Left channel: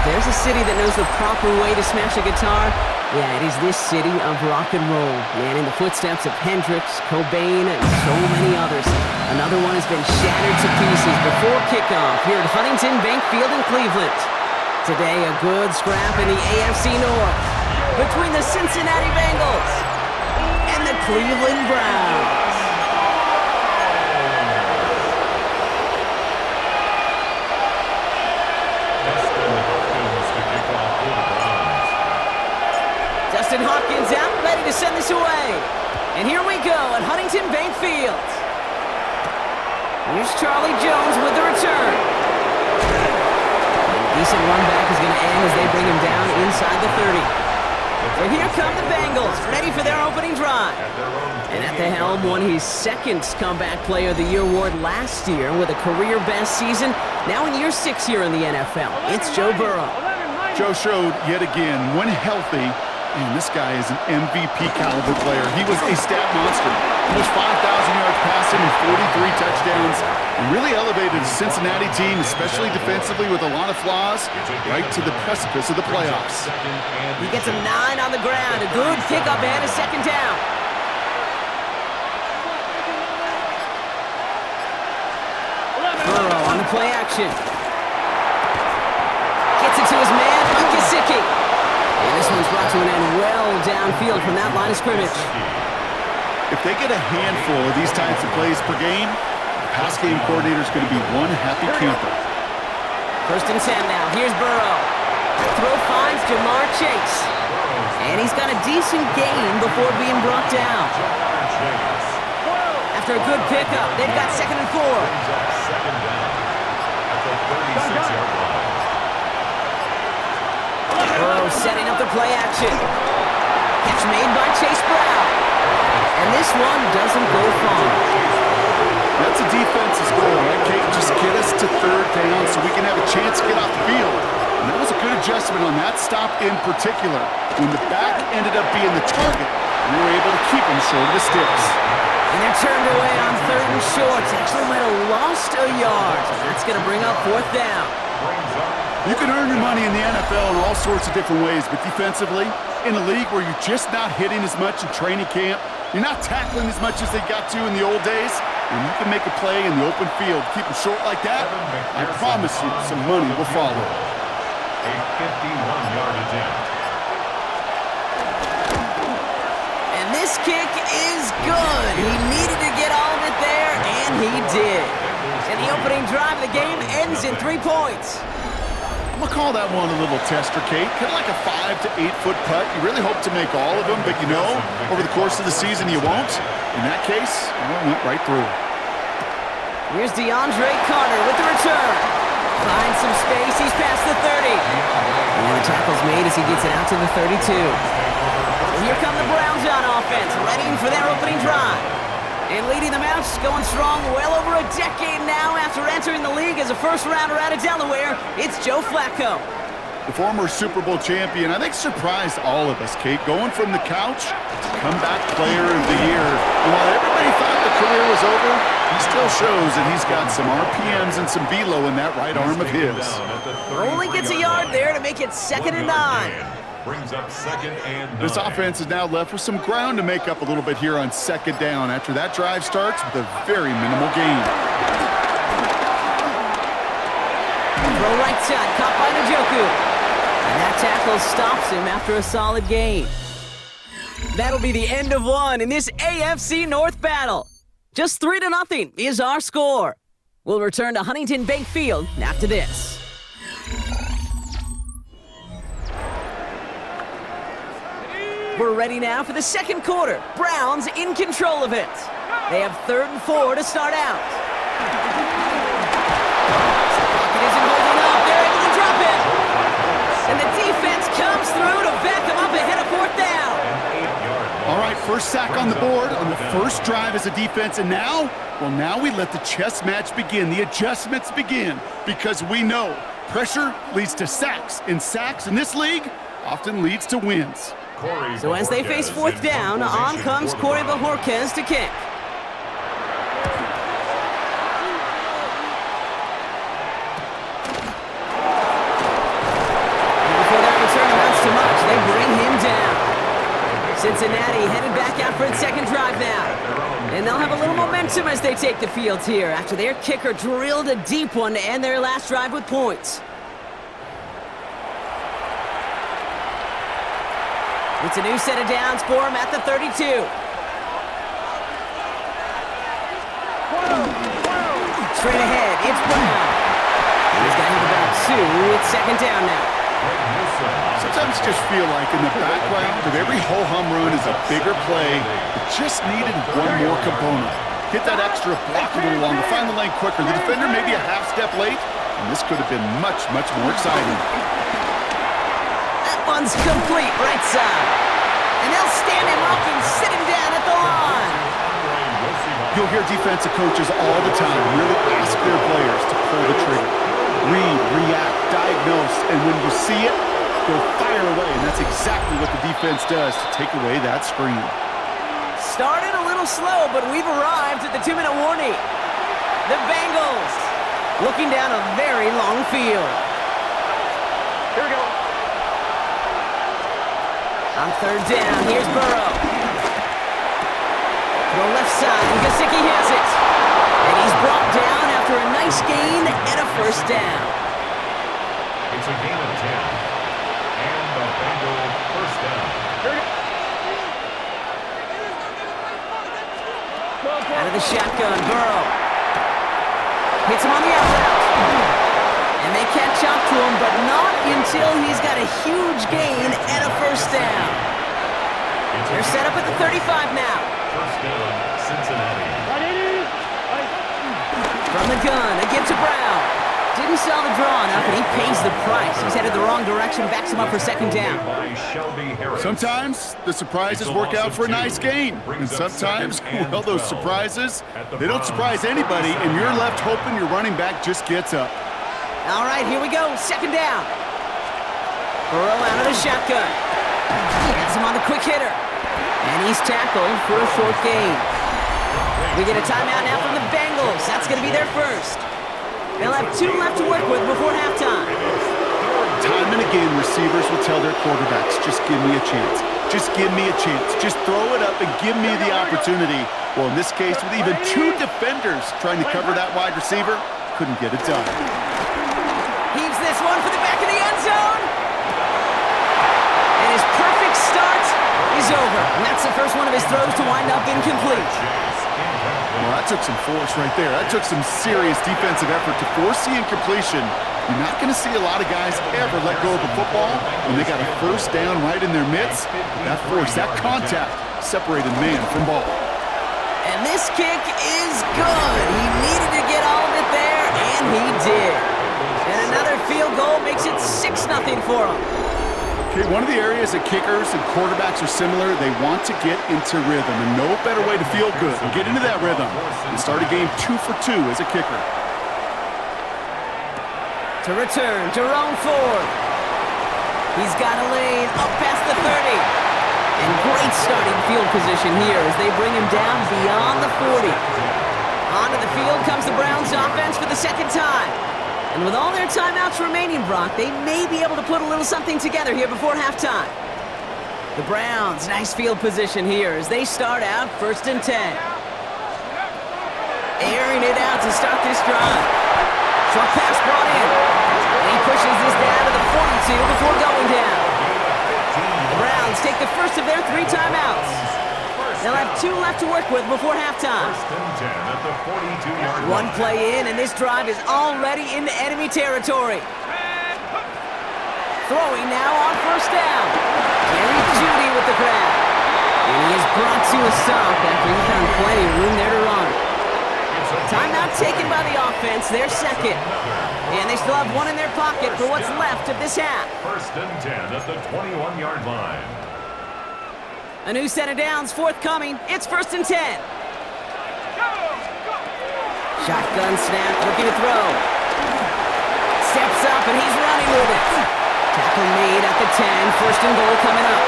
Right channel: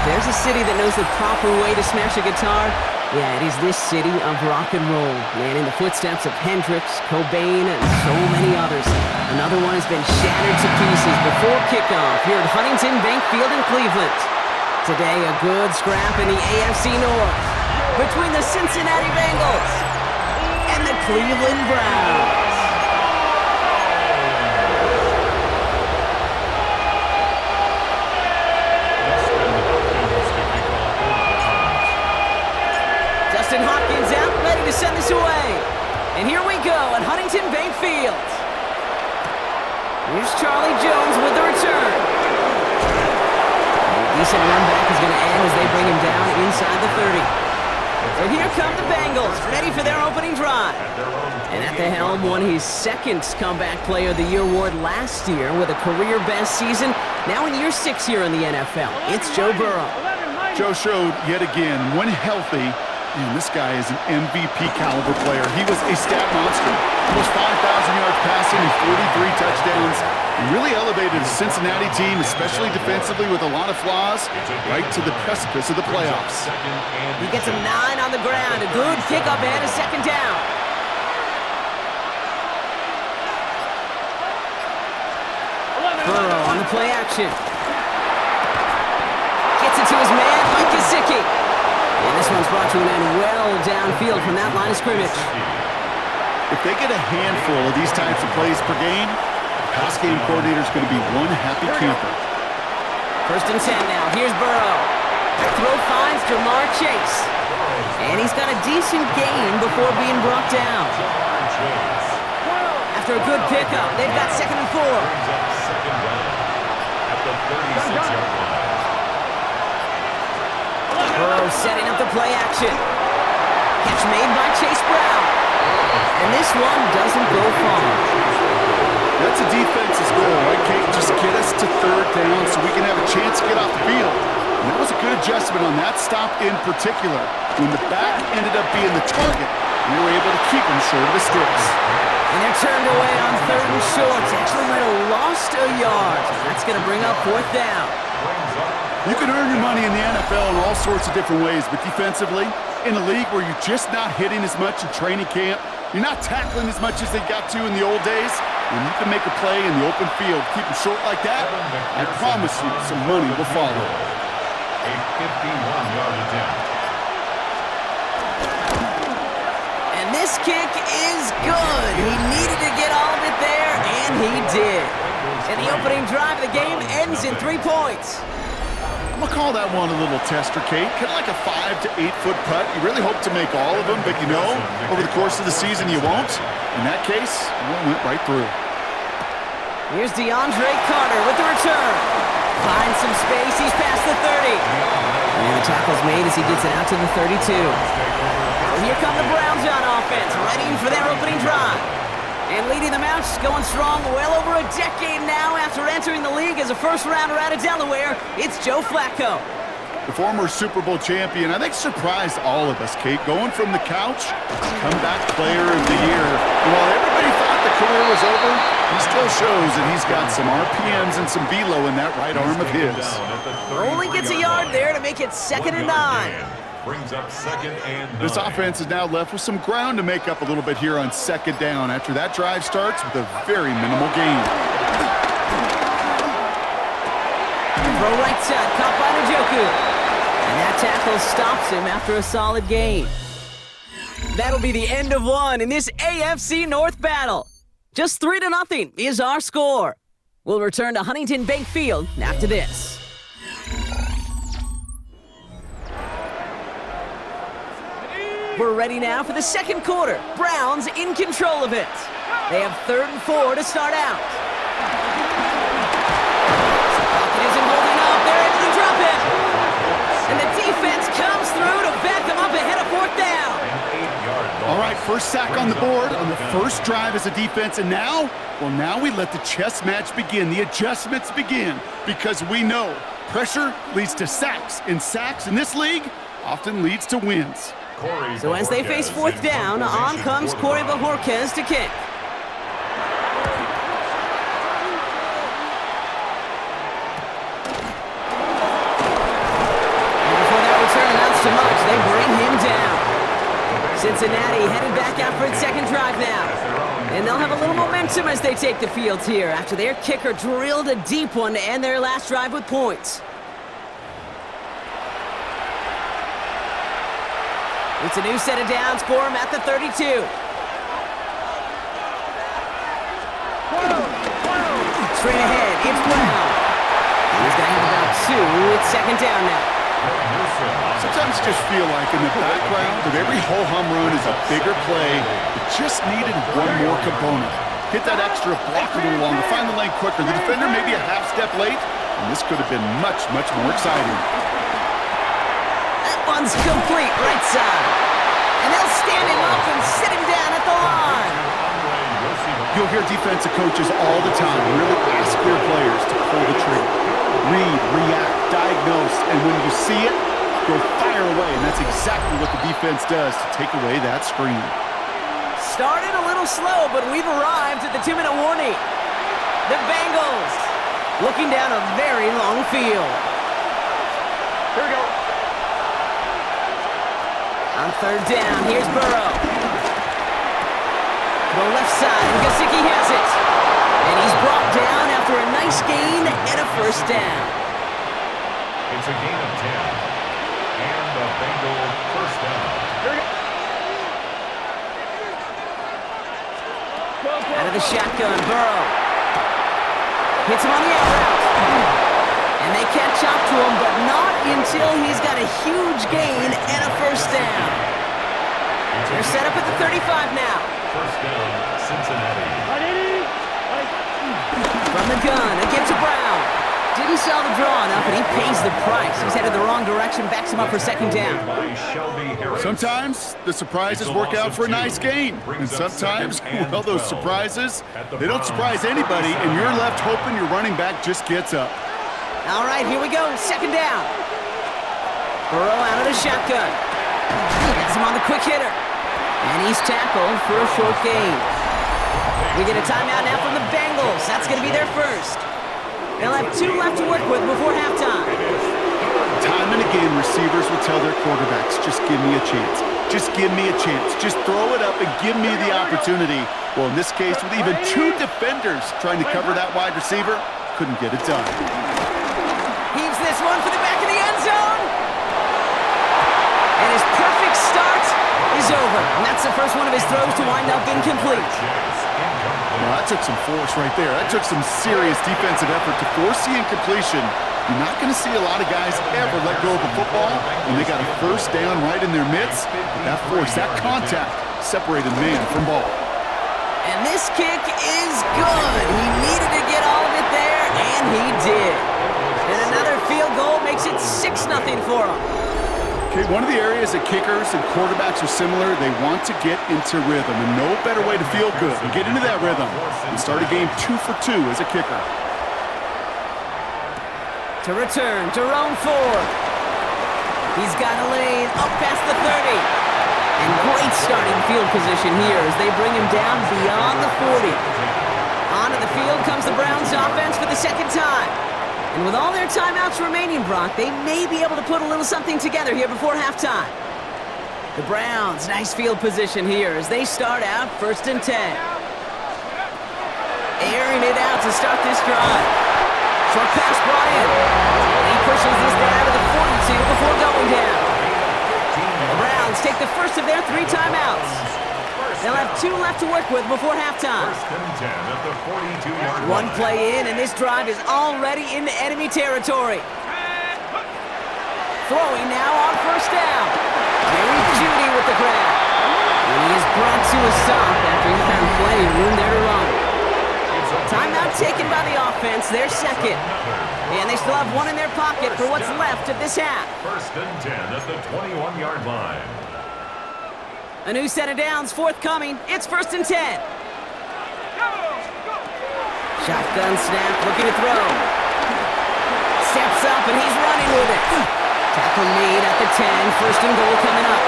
if there's a city that knows the proper way to smash a guitar, yeah, it is this city of rock and roll. Man, in the footsteps of Hendrix, Cobain, and so many others. Another one has been shattered to pieces before kickoff here at Huntington Bank Field in Cleveland. Today, a good scrap in the AFC North between the Cincinnati Bengals and the Cleveland Browns. Justin Hopkins out, ready to send this away. And here we go at Huntington Bank Field. Here's Charlie Jones with the return. A decent run back is going to end as they bring him down inside the 30. And here come the Bengals, ready for their opening drive. And at the helm, won his second Comeback Player of the Year award last year with a career-best season. Now in year 6 here in the NFL, it's Joe Burrow. Joe showed yet again, when healthy, and this guy is an MVP caliber player. He was a stat monster. Almost 5,000 yards passing and 43 touchdowns. And really elevated the Cincinnati team, especially defensively with a lot of flaws, right to the precipice of the playoffs. He gets a 9 on the ground. A good pickup and a second down. Burrow on the play action. Gets it to his man, Mike Gesicki. And this one's brought to an end well downfield from that line of scrimmage. If they get a handful of these types of plays per game, the pass game coordinator is going to be one happy camper. 1st and 10 now. Here's Burrow. The throw finds Jamar Chase. And he's got a decent gain before being brought down. After a good pickup, they've got 2nd and 4. Second down at the 36-yard line. Burrow setting up the play action. Catch made by Chase Brown. And this one doesn't go far. That's a defense's goal, right, Kate? Just get us to 3rd down so we can have a chance to get off the field. And that was a good adjustment on that stop in particular, when the back ended up being the target, and they were able to keep him short of the sticks. And they're turned away on 3rd and short. Actually might have lost a yard. That's going to bring up 4th down. You can earn your money in the NFL in all sorts of different ways, but defensively, in a league where you're just not hitting as much in training camp, you're not tackling as much as they got to in the old days, when you can make a play in the open field, keep them short like that, I promise you some money will follow. A 51-yard attempt. And this kick is good. He needed to get all of it there, and he did. And the opening drive of the game ends in 3 points. I'm going to call that one a little tester, Kate. Kind of like a 5 to 8 foot putt. You really hope to make all of them, but you know, over the course of the season you won't. In that case, well, it went right through. Here's DeAndre Carter with the return. Finds some space. He's past the 30. And the tackle's made as he gets it out to the 32. And here come the Browns on offense, ready for their opening drive. And leading them out, going strong well over a decade now after entering the league as a first-rounder out of Delaware, it's Joe Flacco. The former Super Bowl champion, I think, surprised all of us, Kate. Going from the couch to comeback player of the year. And while everybody thought the career was over, he still shows that he's got some RPMs and some velo in that right arm of his. Only gets a yard there to make it 2nd and 9. Brings up 2nd and 9. This offense is now left with some ground to make up a little bit here on 2nd down after that drive starts with a very minimal gain. Throw right side, caught by Njoku. And that tackle stops him after a solid gain. That'll be the end of one in this AFC North battle. Just 3-0 is our score. We'll return to Huntington Bank Field after this. We're ready now for the 2nd quarter. Browns in control of it. They have 3rd and 4 to start out. Pocket isn't holding up. They're able to drop it. And the defense comes through to back them up ahead of 4th down. All right, first sack on the board on the first drive as a defense. And now, well, now we let the chess match begin. The adjustments begin because we know pressure leads to sacks. And sacks in this league often leads to wins. So as they face 4th down, on comes Corey Bajorquez to kick. too much. They bring him down. Cincinnati headed back out for its second drive now. And they'll have a little momentum as they take the field here after their kicker drilled a deep one to end their last drive with points. It's a new set of downs for him at the 32. Straight ahead, it's Brown. He's going to have about 2. It's second down now. Sometimes you just feel like in the background of every ho-hum run is a bigger play that just needed one more component. Hit that extra block a little longer, find the lane quicker. The defender may be a half step late, and this could have been much, much more exciting. That one's complete, right side. And they'll stand him up and sit him down at the line. You'll hear defensive coaches all the time really ask their players to pull the trigger. Read, react, diagnose, and when you see it, go fire away. And that's exactly what the defense does to take away that screen. Started a little slow, but we've arrived at the 2-minute warning. The Bengals looking down a very long field. Here we go. On third down, here's Burrow. Throw left side, and Gesicki has it. And he's brought down after a nice gain and a first down. It's a gain of 10. And the Bengal first down. Out of the shotgun, Burrow. Hits him on the out route. And they catch up to him, but not until he's got a huge gain and a first down. They're set up at the 35 now. First down, Cincinnati. From the gun, a give to Brown. Didn't sell the draw enough, and he pays the price. He's headed the wrong direction, backs him up for second down. Sometimes the surprises work out for a nice gain. And sometimes, well, those surprises, they don't surprise anybody, and you're left hoping your running back just gets up. All right, here we go, second down. Burrow out of the shotgun. Gets him on the quick hitter. And he's tackled for a short gain. We get a timeout now from the Bengals. That's going to be their first. They'll have 2 left to work with before halftime. Time and again, receivers will tell their quarterbacks, just give me a chance. Just give me a chance. Just throw it up and give me the opportunity. Well, in this case, with even 2 defenders trying to cover that wide receiver, couldn't get it done. Heaves this one for the back of the end zone. And his perfect start is over. And that's the first one of his throws to wind up incomplete. Well, that took some force right there. That took some serious defensive effort to force the incompletion. You're not going to see a lot of guys ever let go of a football when they got a first down right in their midst. But that force, that contact, separated man from ball. And this kick is good. He needed to get all of it there, and he did. And another field goal makes it 6-0 for him. Okay, one of the areas that kickers and quarterbacks are similar, they want to get into rhythm, and no better way to feel good and get into that rhythm and start a game 2 for 2 as a kicker. To return, Jerome Ford. He's got a lane up past the 30. And great starting field position here as they bring him down beyond the 40. Onto the field comes the Browns offense for the second time. And with all their timeouts remaining, Brock, they may be able to put a little something together here before halftime. The Browns, nice field position here as they start out 1st and 10. Airing it out to start this drive. Short pass brought in. And he pushes this down to the 42 before going down. The Browns take the first of their 3 timeouts. They'll have 2 left to work with before halftime. 1st and 10 at the 42-yard line. One play in, and this drive is already into enemy territory. Throwing now on 1st down. Jerry Jeudy with the grab. And he is brought to a stop after he found plenty of room there to run. Timeout taken by the offense, their second. And they still have 1 in their pocket for what's left of this half. 1st and 10 at the 21-yard line. A new set of downs forthcoming. It's 1st and 10. Shotgun snap, looking to throw. Steps up, and he's running with it. Tackle made at the 10. 1st and goal coming up.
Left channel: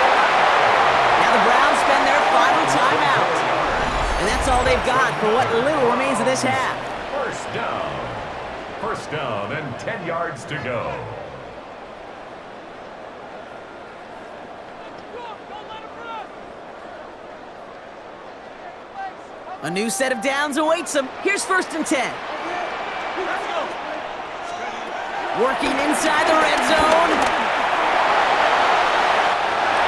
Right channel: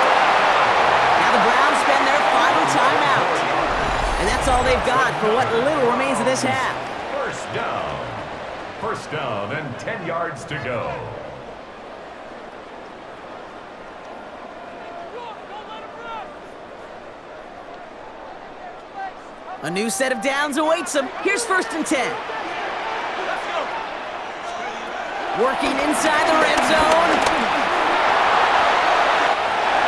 Now the Browns spend their final timeout. And that's all they've got for what little remains of this half. 1st down. 1st down and 10 yards to go. A new set of downs awaits him. Here's 1st and 10. Working inside the red zone.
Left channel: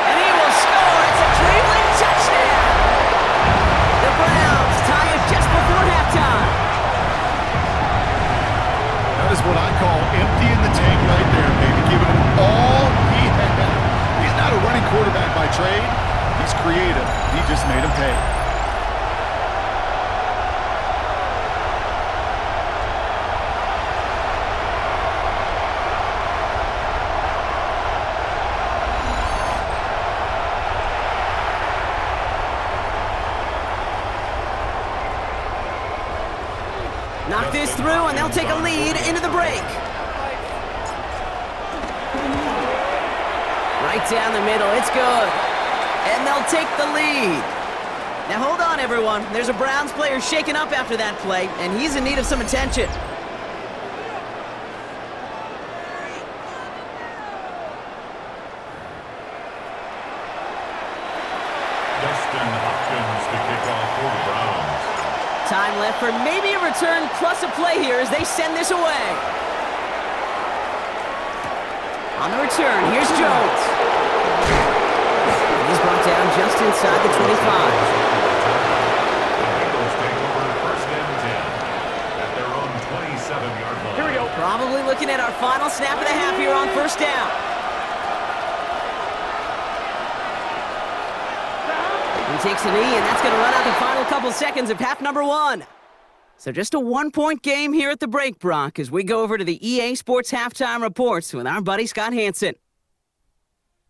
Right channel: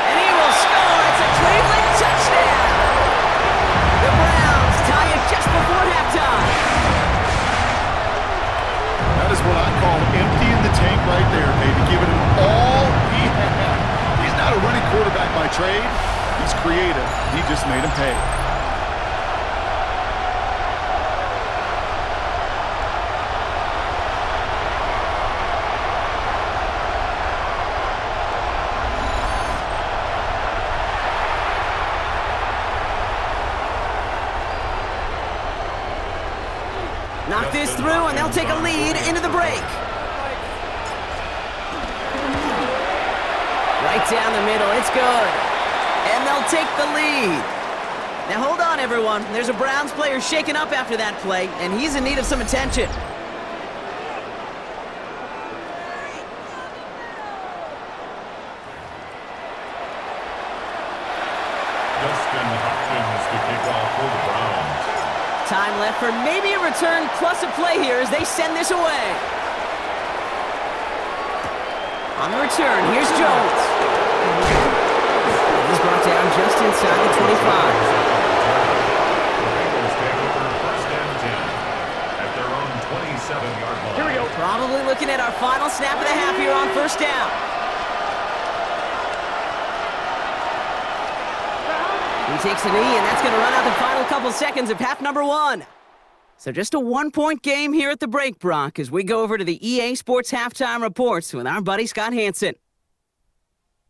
And he will score. It's a Cleveland touchdown. The Browns tie it just before halftime. That is what I call emptying the tank right there, baby. Giving him all he had. He's not a running quarterback by trade. He's creative. He just made him pay. Knock this through, and they'll take a lead into the break. Right down the middle, it's good. And they'll take the lead. Now hold on, everyone. There's a Browns player shaken up after that play, and he's in need of some attention. Dustin Hopkins to kick off for the Browns. Time left for maybe a return plus a play here as they send this away. On the return, here's Jones. He's brought down just inside the 25. The Bengals take over 1st and 10 at their own 27-yard line. Here we go. Probably looking at our final snap of the half here on 1st down. He takes a knee, and that's going to run out the final couple seconds of half number 1. So just a 1-point game here at the break, Brock, as we go over to the EA Sports Halftime Reports with our buddy Scott Hanson.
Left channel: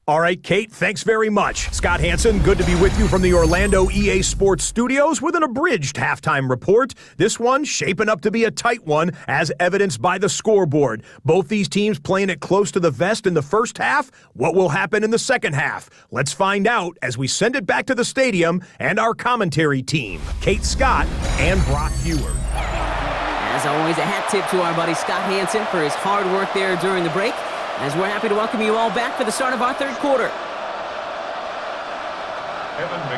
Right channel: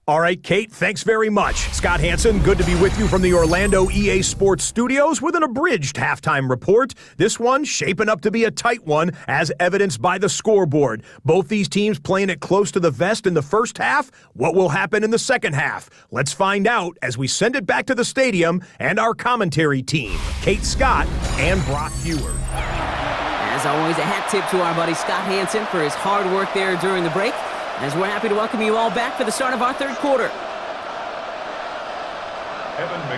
All right, Kate, thanks very much. Scott Hanson, good to be with you from the Orlando EA Sports Studios with an abridged halftime report. This one shaping up to be a tight one, as evidenced by the scoreboard. Both these teams playing it close to the vest in the first half. What will happen in the second half? Let's find out as we send it back to the stadium and our commentary team, Kate Scott and Brock Heward. As always, a hat tip to our buddy Scott Hanson for his hard work there during the break, as we're happy to welcome you all back for the start of our 3rd quarter.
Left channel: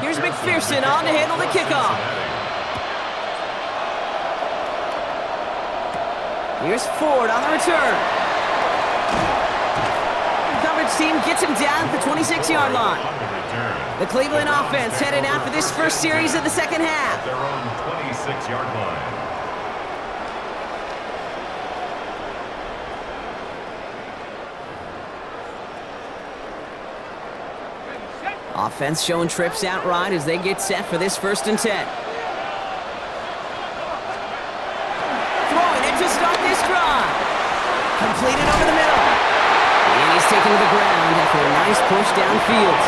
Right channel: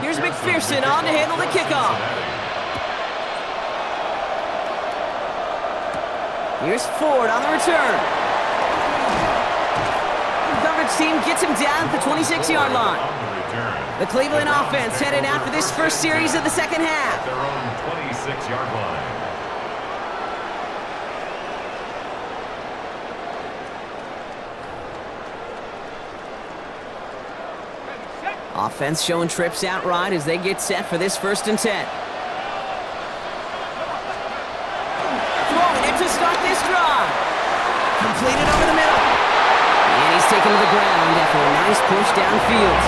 Here's McPherson on to handle the kickoff. Here's Ford on the return. Coverage team gets him down at the 26-yard line. The Cleveland offense headed out for this first series of the second half. Their own 26-yard line. Offense showing trips out right as they get set for this 1st and 10. Throwing it to start this drive. Completed over the middle. And he's taken to the ground after a nice push downfield.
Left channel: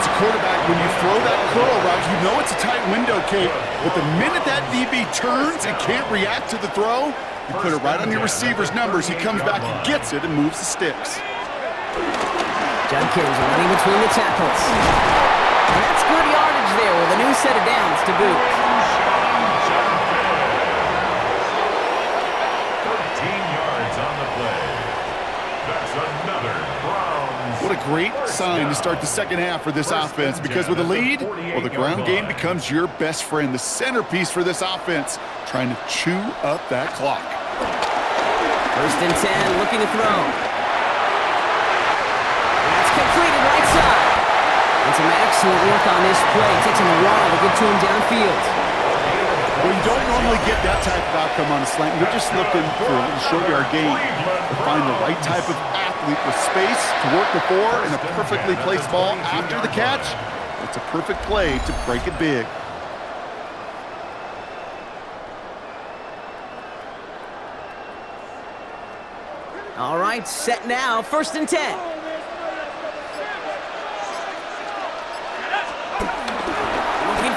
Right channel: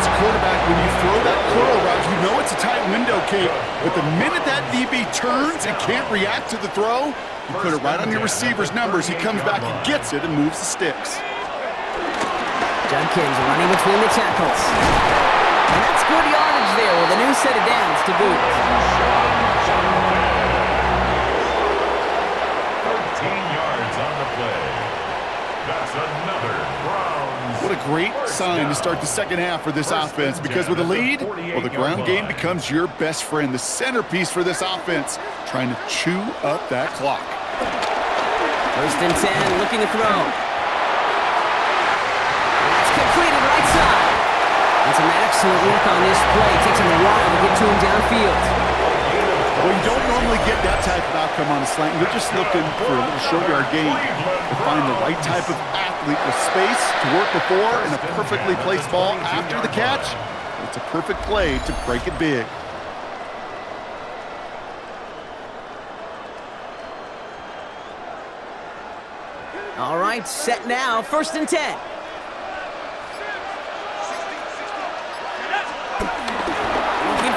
As a quarterback, when you throw that curl route, you know it's a tight window, Kate. But the minute that DB turns and can't react to the throw, you put it right on your receiver's numbers. He comes back and gets it and moves the sticks. Judkins running between the tackles. And that's good yardage there with a new set of downs to boot. 13 yards on the play. That's another Browns. What a great sign to start the second half for this offense, because with a lead, well, the ground game becomes your best friend, the centerpiece for this offense, trying to chew up that clock. 1st and 10, looking to throw. Completed right side. And some excellent work on this play. It takes him a while to get to him downfield. Well, you don't normally get that type of outcome on a slant. You're just looking for a little short yard gain to find the right type of athlete with space to work before and a perfectly placed ball after the catch. It's a perfect play to break it big. All right, set now. 1st and 10.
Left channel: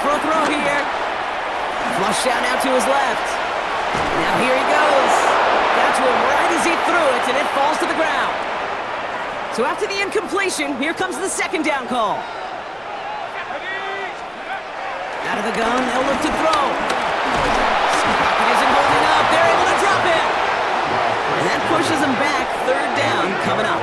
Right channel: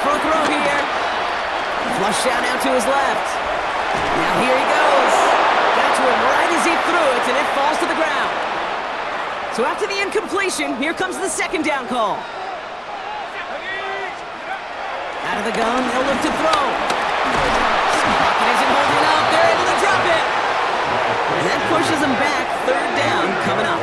For a throw here. Flush down now to his left. Now here he goes. Got to him right as he threw it, and it falls to the ground. So after the incompletion, here comes the 2nd down call. Out of the gun, they'll look to throw. Pocket isn't holding up. They're able to drop it. And that pushes them back. 3rd down coming up.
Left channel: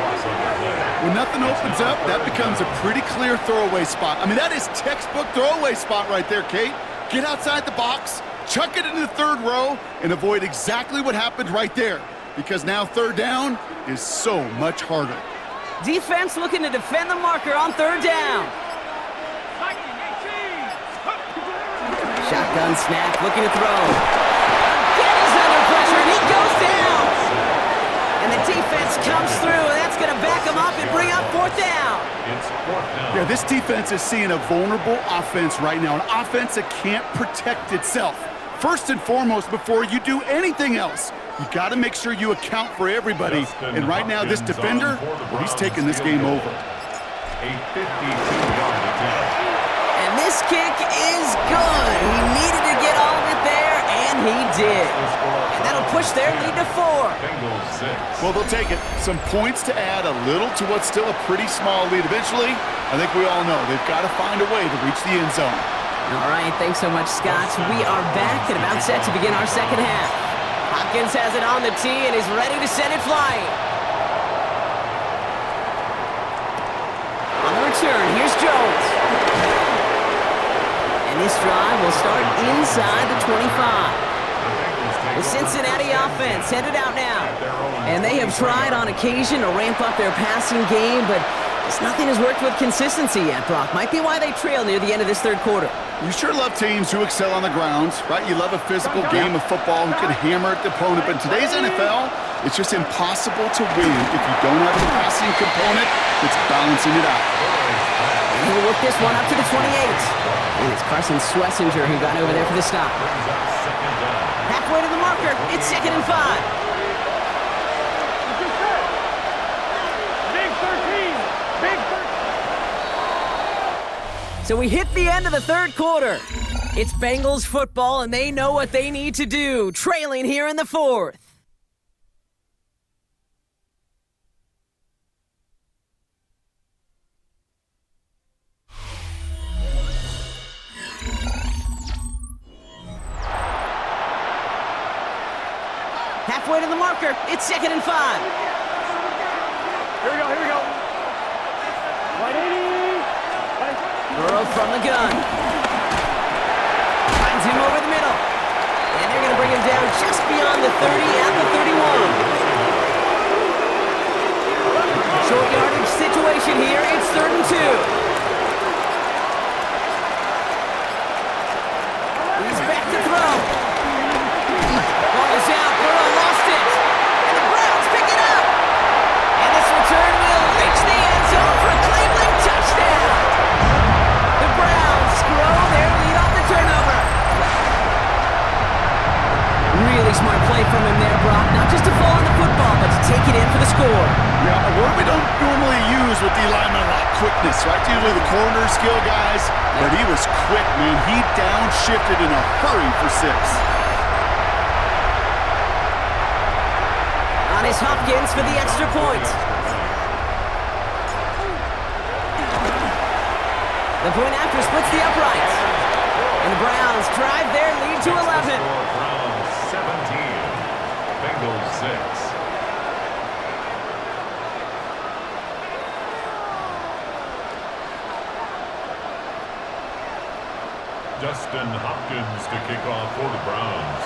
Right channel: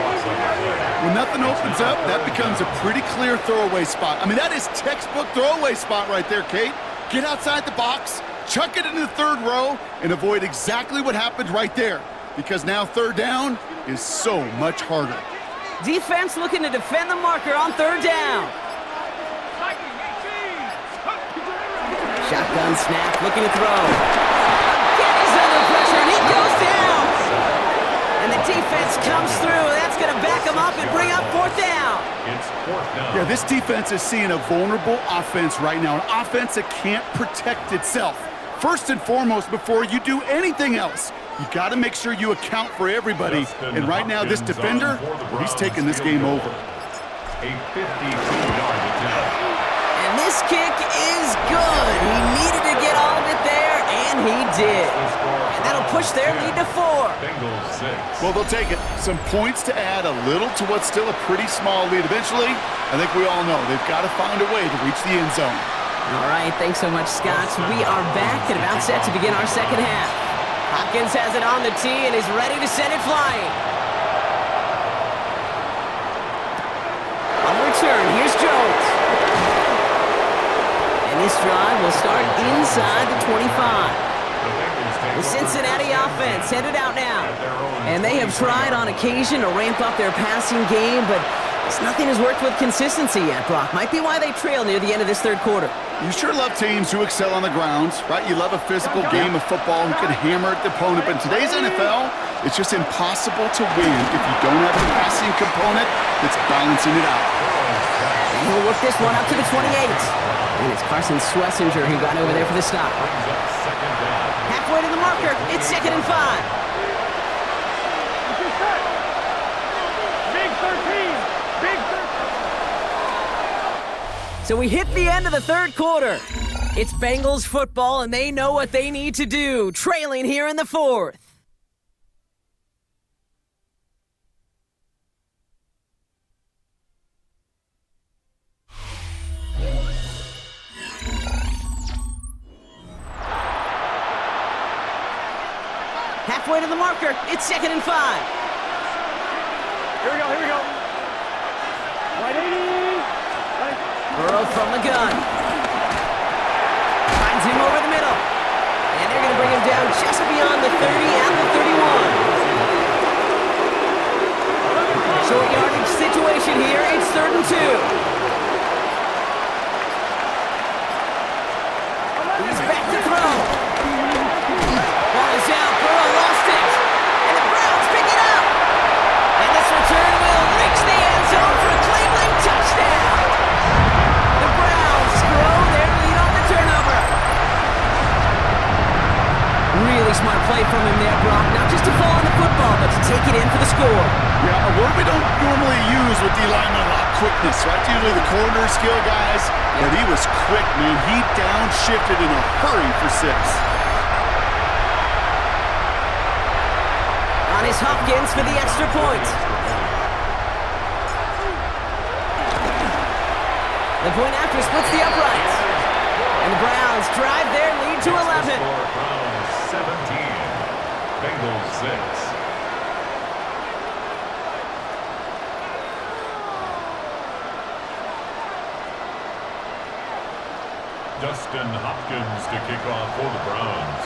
When nothing opens up, that becomes a pretty clear throwaway spot. I mean, that is textbook throwaway spot right there, Kate. get outside the box, chuck it into the third row, and avoid exactly what happened right there. Because now third down is so much harder. Defense looking to defend the marker on third down. Shotgun snap, looking to throw. Again, he's under pressure, and he goes down. And the defense comes through. That's going to back him up and bring up fourth down. It's fourth down. Yeah, this defense is seeing a vulnerable offense right now, an offense that can't protect itself. First and foremost, before you do anything else, you got to make sure you account for everybody. And right now, this defender, well, he's taking this game over. A 52-yard attempt. And this kick is good. He needed to get all of it there, and he did. And that'll push their lead to 4. Bengals 6. Well, they'll take it. Some points to add a little to what's still a pretty small lead. Eventually, I think we all know they've got to find a way to reach the end zone. All right, thanks so much, Scott. We are back and about set to begin our second half. Hopkins has it on the tee and is ready to send it flying. On the return, here's Jones. And this drive will start inside the 25. The Cincinnati offense headed out now. And they have tried on occasion to ramp up their passing game, but nothing has worked with consistency yet, Brock. Might be why they trail near the end of this third quarter. You sure love teams who excel on the ground, right? You love a physical game of football who can hammer at the opponent. But in today's NFL, it's just impossible to win if you don't have a passing component that's balancing it out. And he'll work this one up to the 28. And it's Carson Swessinger who got over there for the stop. Halfway to the marker, it's 2nd and 5. Big 13. Big 13. So we hit the end of the third quarter. It's Bengals football, and they know what they need to do, trailing here in the fourth. Halfway to the marker, it's 2nd and 5. Here we go, here we go. Right 80. Right. Burrow from the gun. Finds him over the middle. And they're going to bring him down just beyond the 30 and the 31. Short yardage situation here. It's 3rd and 2. He's back to throw. Ball is out. Burrow lost it. And the Browns pick it up. And this return will reach the end zone for a Cleveland touchdown. The Browns grow their lead on the turnover. Really smart play from him there, Brock. Not just to fall on the football, but to take it in for the score. Yeah, a word we don't normally use with the lineman a lot, quickness, right? Usually the corner skill guys, but he was quick, man. He downshifted in a hurry for 6. On is Hopkins for the extra point. The point after splits the uprights. And the Browns drive their lead to 11. Browns 17. Bengals 6. Dustin Hopkins to kick off for the Browns.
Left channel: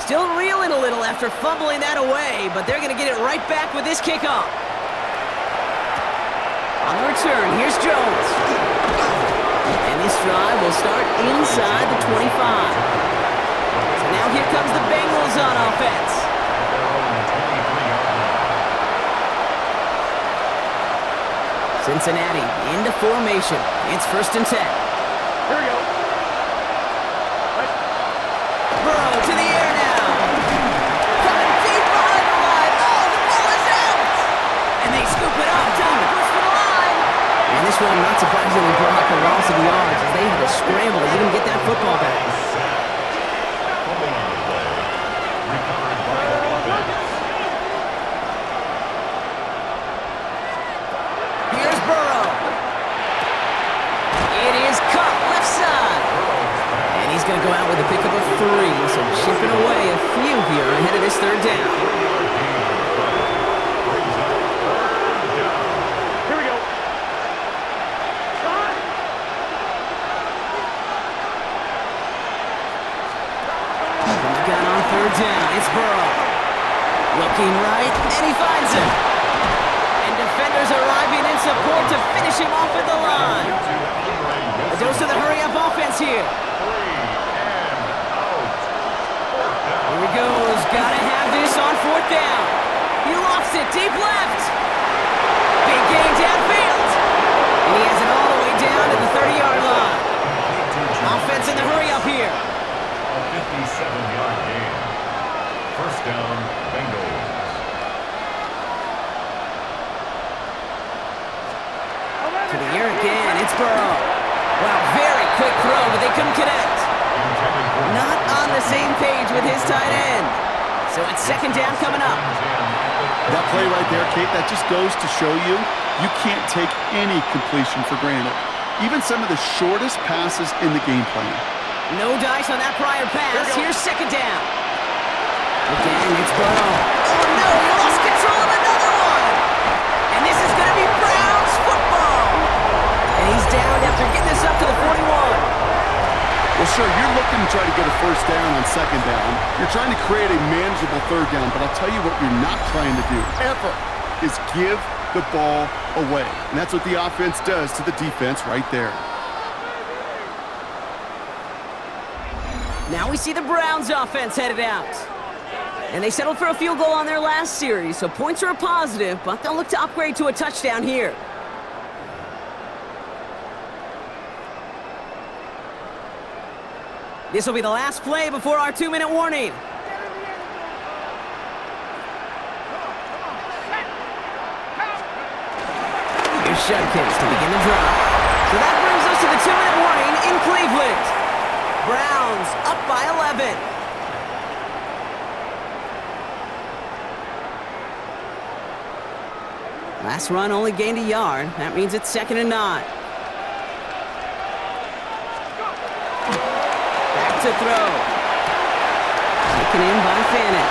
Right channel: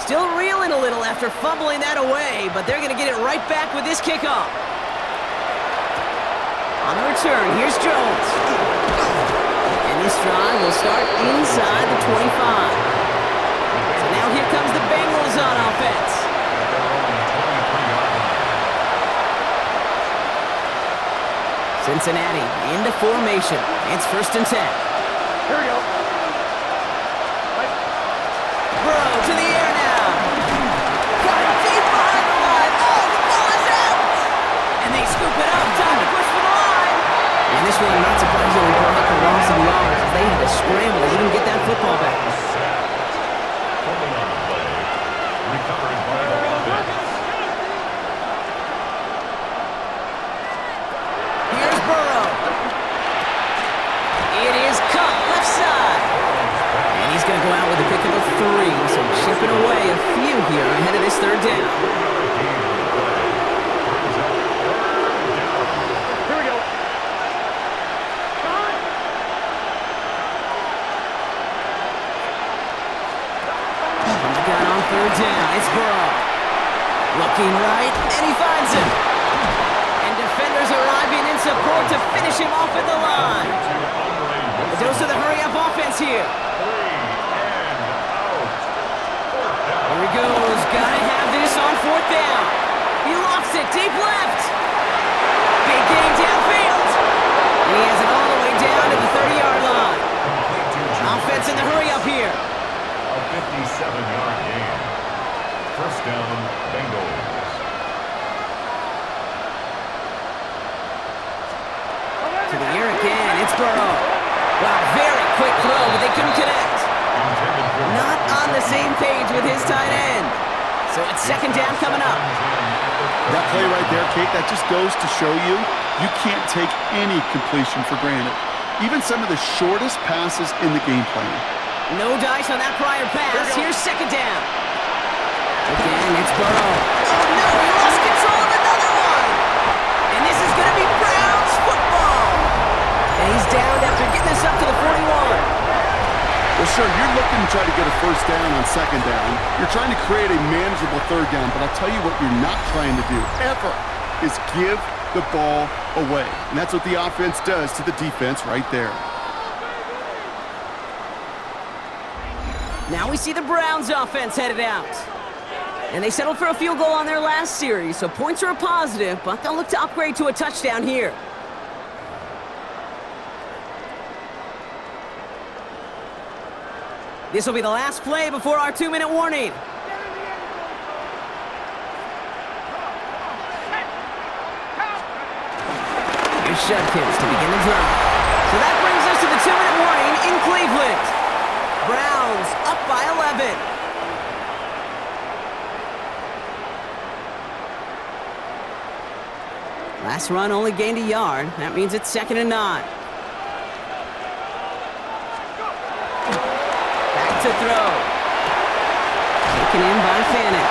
Still reeling a little after fumbling that away, but they're going to get it right back with this kickoff. On the return, here's Jones. And this drive will start inside the 25. So now here comes the Bengals on offense. At their own 23-yard line. Cincinnati into formation. It's 1st and 10. Here we go. Right. Burrow to the air now. Caught him deep behind the line. Oh, the ball is out. And they scoop it up. Time to push for the line. And this one, not surprisingly, brought a loss of yards as they had to scramble to even get that football back. Fumbling on the play. Recovered by the offense. Here's Burrow. It is caught left side. And he's going to go out with a pickup of 3, so chipping away a few here ahead of this third down. 3-yard gain on the play. Brings up 3rd down. Here we go. John. Burrow. Looking right, and he finds him. And defenders arriving in support to finish him off at the line. A dose of the hurry-up offense here. 3 and out. 4th down. Here he goes. Gotta have this on 4th down. He lofts it deep left. Big gain downfield. And he has it all the way down to the 30-yard line. Offense in the hurry-up here. A 57-yard gain. 1st down, Bengals. To the air again. It's Burrow. Wow, very quick throw, but they couldn't connect. Not on the same page with his tight end. So it's 2nd down coming up. That play right there, Kate, that just goes to show you, you can't take any completion for granted. Even some of the shortest passes in the game plan. No dice on that prior pass. Here's 2nd down. Again, it's Burrow. Oh, no, he lost control of another one. And this is going to be Browns football. And he's down after getting this up to the 41. Well, sure, you're looking to try to get a 1st down on 2nd down. You're trying to create a manageable 3rd down, but I'll tell you what you're not trying to do, ever, is give the ball away. And that's what the offense does to the defense right there. Now we see the Browns offense headed out. And they settled for a field goal on their last series, so points are a positive, but they'll look to upgrade to a touchdown here. This will be the last play before our 2-minute warning. Here's Shudkins to begin the drive. So that brings us to the 2-minute warning in Cleveland. Browns up by 11. Last run only gained a yard. That means it's 2nd and 9. To throw. Taken in by Fannin.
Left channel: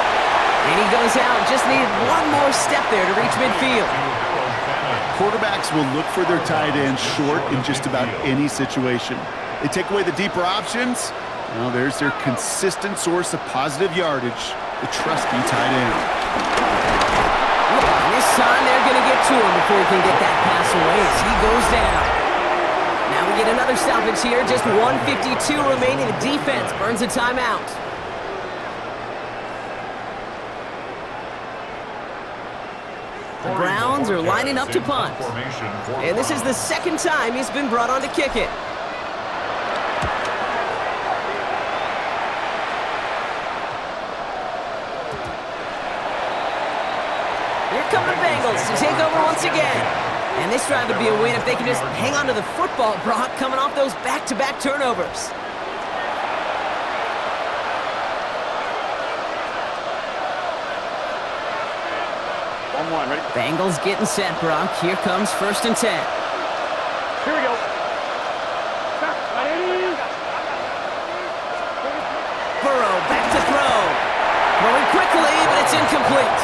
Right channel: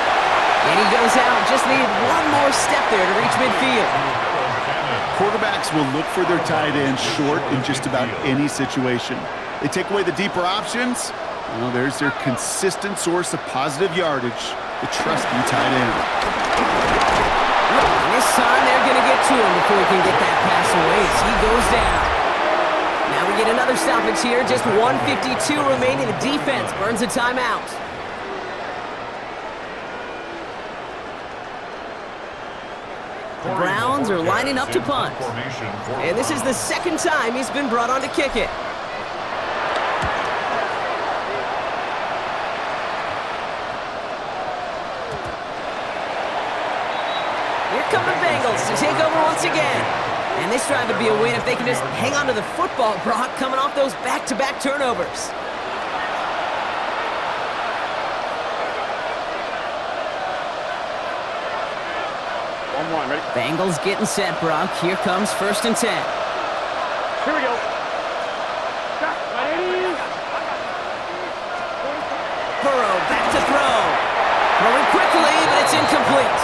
And he goes out. Just needed one more step there to reach midfield. Quarterbacks will look for their tight end short in just about any situation. They take away the deeper options. Well, there's their consistent source of positive yardage, the trusty tight end. And this time they're going to get to him before he can get that pass away as he goes down. Now we get another stoppage here. Just 1:52 remaining. The defense burns a timeout. The Browns are lining up to punt. And this is the 2nd time he's been brought on to kick it. Here come the Bengals to take over once again. And this drive would be a win if they can just hang on to the football, Brock, coming off those back-to-back turnovers. Ready? Bengals getting set, Brock. Here comes 1st and 10. Here we go. Burrow back to throw. Throwing quickly, but it's incomplete.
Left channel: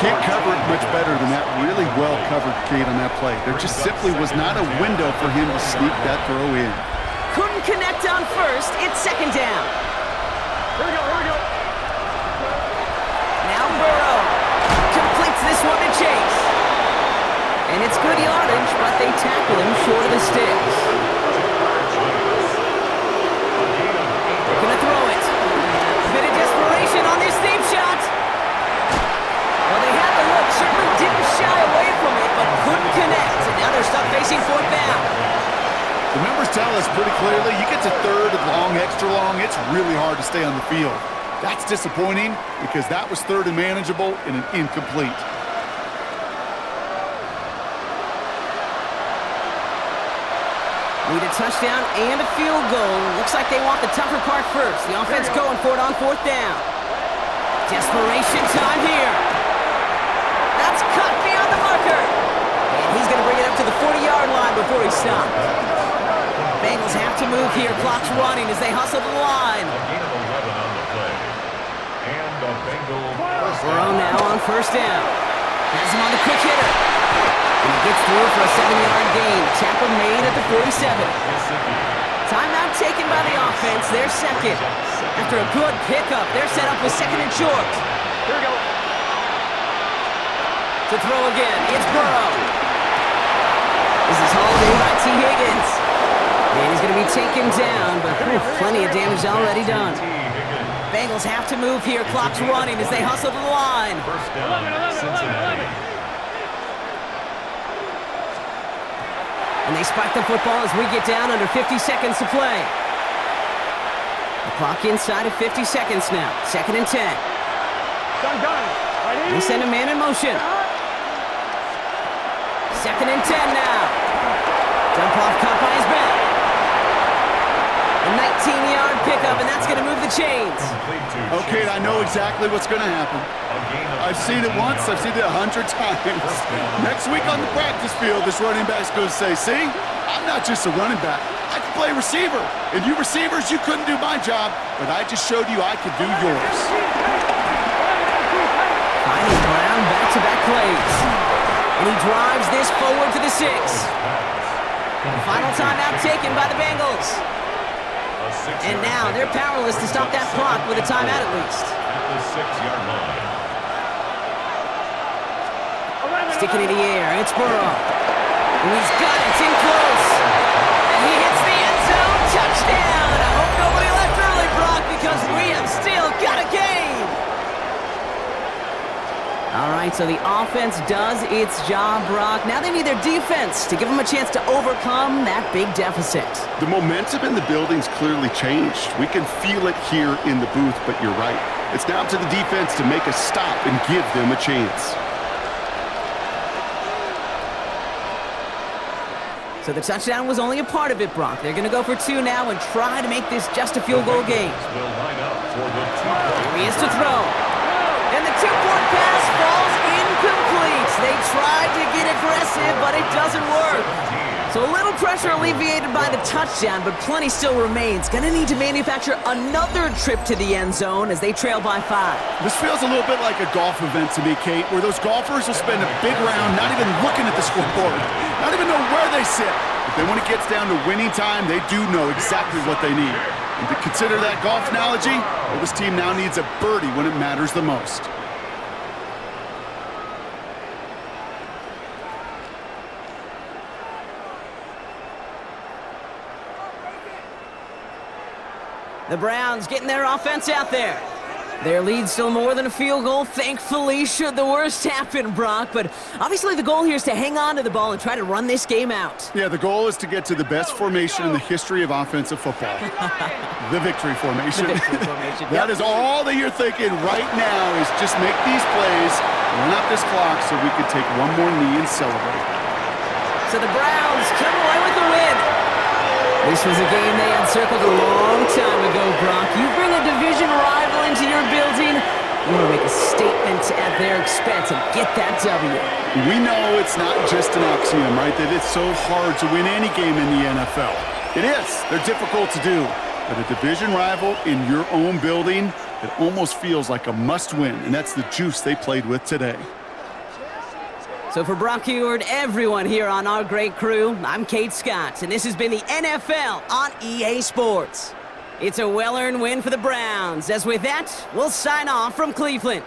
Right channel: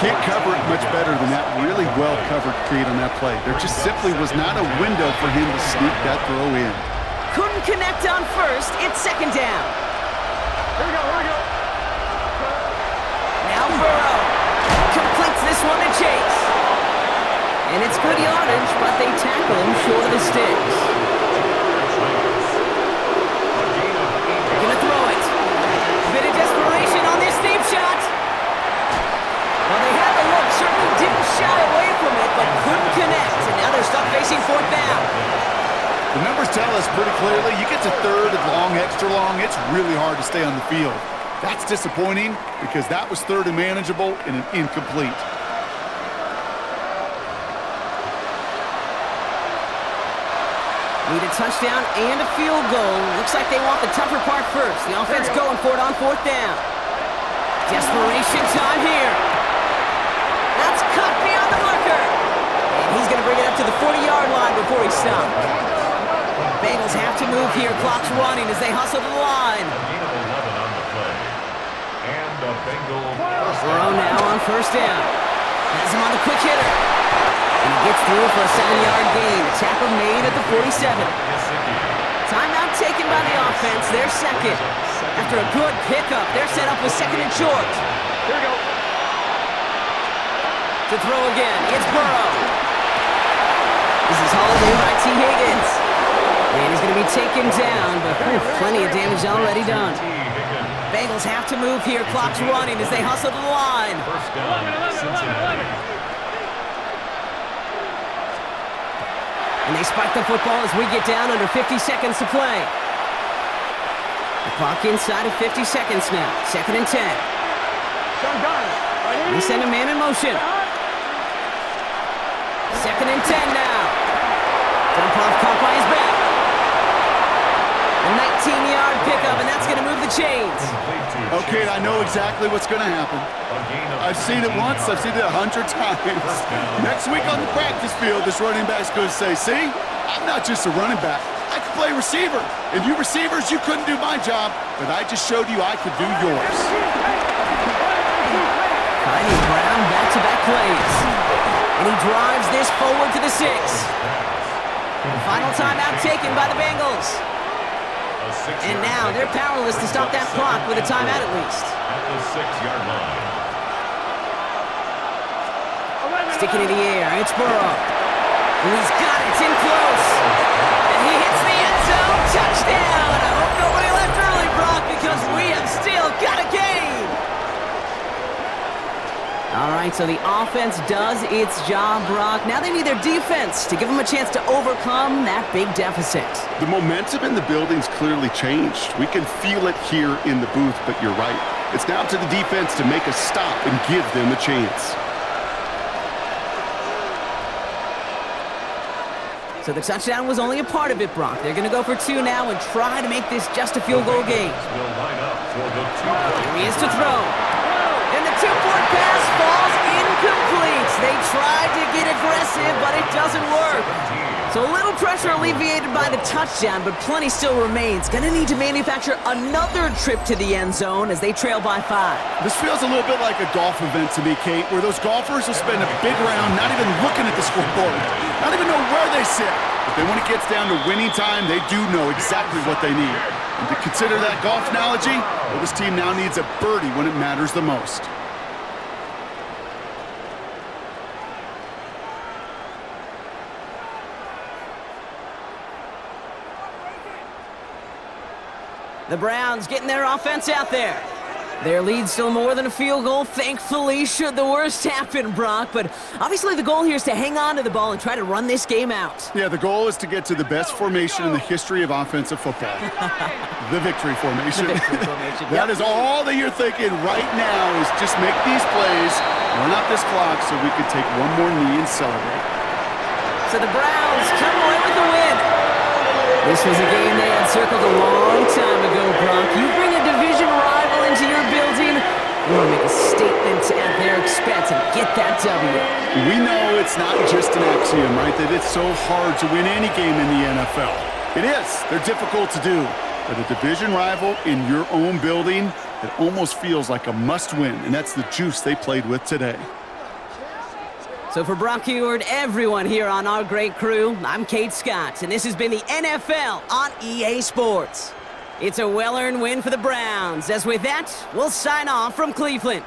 Can't cover it much better than that really well-covered Kate on that play. There just simply was not a window for him to sneak that throw in. Couldn't connect on 1st. It's 2nd down. Here we go. Now Burrow completes this one to Chase. And it's good yardage, but they tackle him short of the sticks. They're going to throw it. Bit of desperation on this deep shot. Well, they had the look, certainly didn't shy away from it, but couldn't connect. And now they're stuck facing 4th down. The numbers tell us pretty clearly, you get to 3rd and long, extra long, it's really hard to stay on the field. That's disappointing because that was 3rd and manageable and an incomplete. Need a touchdown and a field goal. Looks like they want the tougher part first. The offense going for it on 4th down. Desperation time here. That's cut beyond the marker. And he's going to bring it up to the 40-yard line before he stopped. Bengals have to move here. Clock's running as they hustle to the line. A gain of 11 on the play. And a Bengal first Burrow down. now on 1st down. Has him on the quick hitter. And he gets through for a 7-yard gain. The tackle made at the 47. Timeout taken by the offense. They're second. After a good pickup, they're set up with second and short. Here we go. To throw again, it's Burrow. This is hauled in by T. Higgins. And he's going to be taken down, but plenty of damage already done. Bengals have to move here. Clock's running as they hustle to the line. First down, Cincinnati. And they spike the football as we get down under 50 seconds to play. The clock inside of 50 seconds now. Second and 10. Gun. Right They send a man in motion. Second and 10 now. Dump off caught by his back. A 19-yard pickup, and that's going to move the chains. Okay, I know exactly what's going to happen. I've seen it once, I've seen it 100 times. Next week on the practice field, this running back's going to say, see, I'm not just a running back. I can play receiver. And you receivers, you couldn't do my job, but I just showed you I could do yours. Finding Brown back-to-back plays. And he drives this forward to the 6. The final timeout taken by the Bengals. And now they're powerless to stop that clock with a timeout at least. At the 6-yard line. Sticking in the air, it's Burrow. And he's got it, it's in close. And he hits the end zone, touchdown! I hope nobody left early, Brock, because we have still got a game! All right, so the offense does its job, Brock. Now they need their defense to give them a chance to overcome that big deficit. The momentum in the building's clearly changed. We can feel it here in the booth, but you're right. It's now up to the defense to make a stop and give them a chance. So the touchdown was only a part of it, Brock. They're going to go for 2 now and try to make this just a field goal game. Will line up for the 2-point. Here he is to throw. And the 2-point pass falls incomplete. They tried to get aggressive, but it doesn't work. So a little pressure alleviated by the touchdown, but plenty still remains. Gonna need to manufacture another trip to the end zone as they trail by 5. This feels a little bit like a golf event to me, Kate, where those golfers will spend a big round not even looking at the scoreboard, not even know where they sit. But then when it gets down to winning time, they do know exactly what they need. And to consider that golf analogy, well, this team now needs a birdie when it matters the most. The Browns getting their offense out there. Their lead's still more than a field goal, thankfully, should the worst happen, Brock. But obviously the goal here is to hang on to the ball and try to run this game out. Yeah, the goal is to get to the best formation in the history of offensive football. The victory formation. The victory formation. That is all that you're thinking right now is just make these plays, run out this clock so we can take one more knee and celebrate. So the Browns come away with the win. This was a game they had circled a long time ago, Brock. You bring a division rival into your building, you want to make a statement at their expense and get that W. We know it's not just an axiom, right, that it's so hard to win any game in the NFL. It is. They're difficult to do. But a division rival in your own building, it almost feels like a must-win, and that's the juice they played with today. So for Brock Heward, everyone here on our great crew, I'm Kate Scott, and this has been the NFL on EA Sports. It's a well-earned win for the Browns, as with that, we'll sign off from Cleveland.